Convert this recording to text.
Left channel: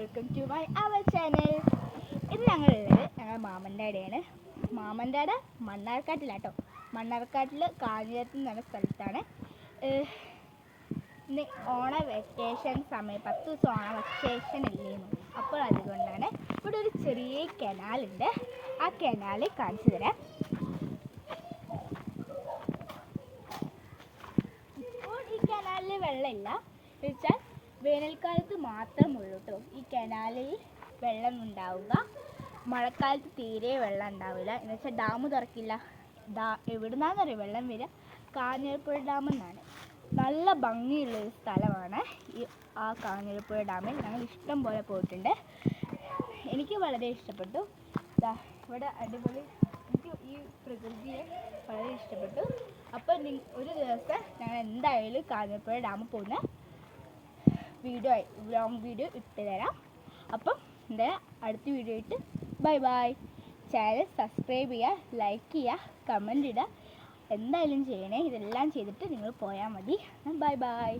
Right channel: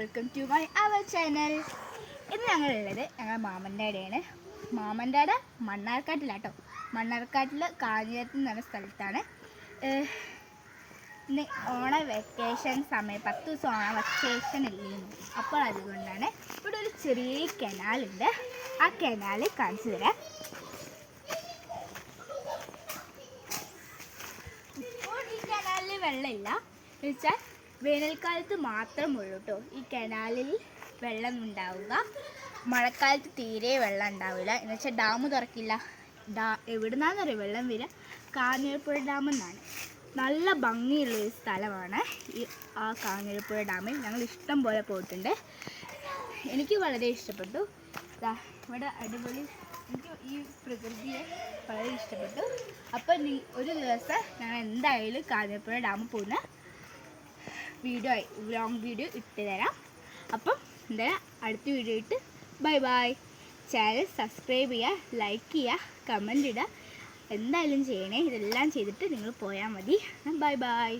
Welcome to my our channel. ഇന്ന് ഞങ്ങളുള്ളത് ഞങ്ങൾ മാമൻ്റെ അവിടെയാണ്. മാമൻ്റെ അവിടെ മണ്ണാർക്കാട്ടിലാട്ടോ. മണ്ണാർക്കാട്ടിൽ കാഞ്ഞിരത്ത് എന്ന് പറഞ്ഞ സ്ഥലത്താണ്. ഇന്ന് ഓണ വെക്കേഷൻ സമയം 10 ദിവസം ഓണ വെക്കേഷൻ ഇല്ലേന്നു. അപ്പോൾ അതുകൊണ്ടാണ് ഇവിടെ ഒരു ചെറിയ കനാലുണ്ട്. ആ കനാൽ കാണിച്ചു തരാം. ഇപ്പോൾ ഈ കനാലിൽ വെള്ളമില്ല വെച്ചാൽ വേനൽക്കാലത്ത് മാത്രമുള്ളൂ കേട്ടോ ഈ കനാലിൽ വെള്ളം ഉണ്ടാവുക. മഴക്കാലത്ത് തീരെ വെള്ളം ഉണ്ടാവില്ല. എന്ന് വെച്ചാൽ ഡാം തുറക്കില്ല. എവിടുന്നാന്നറിയോ വെള്ളം വരിക? കാഞ്ഞിരപ്പുഴ ഡാമെന്നാണ്. നല്ല ഭംഗിയുള്ളൊരു സ്ഥലമാണ് ആ കാഞ്ഞിരപ്പുഴ ഡാമിൽ. ഞങ്ങൾ ഇഷ്ടം പോലെ പോയിട്ടുണ്ട്. എനിക്ക് വളരെ ഇഷ്ടപ്പെട്ടു. ഇവിടെ അടിപൊളി, എനിക്ക് ഈ പ്രകൃതിയെ വളരെ ഇഷ്ടപ്പെട്ടു. അപ്പോൾ ഒരു ദിവസം ഞങ്ങൾ എന്തായാലും കാഞ്ഞിരപ്പുഴ ഡാമിൽ പോകുന്ന ലോങ് വീഡിയോ ഇട്ട് തരാം. അപ്പം എന്തായാലും അടുത്ത വീഡിയോ ഇട്ട് ബൈ ബൈ. ചാനൽ സബ്സ്ക്രൈബ് ചെയ്യുക, ലൈക്ക് ചെയ്യുക, കമൻറ്റ് ഇടുക. എന്തായാലും ചെയ്യണേ. ഇതെല്ലാം ചെയ്തിട്ട് നിങ്ങൾ പോയാൽ മതി. Bye bye.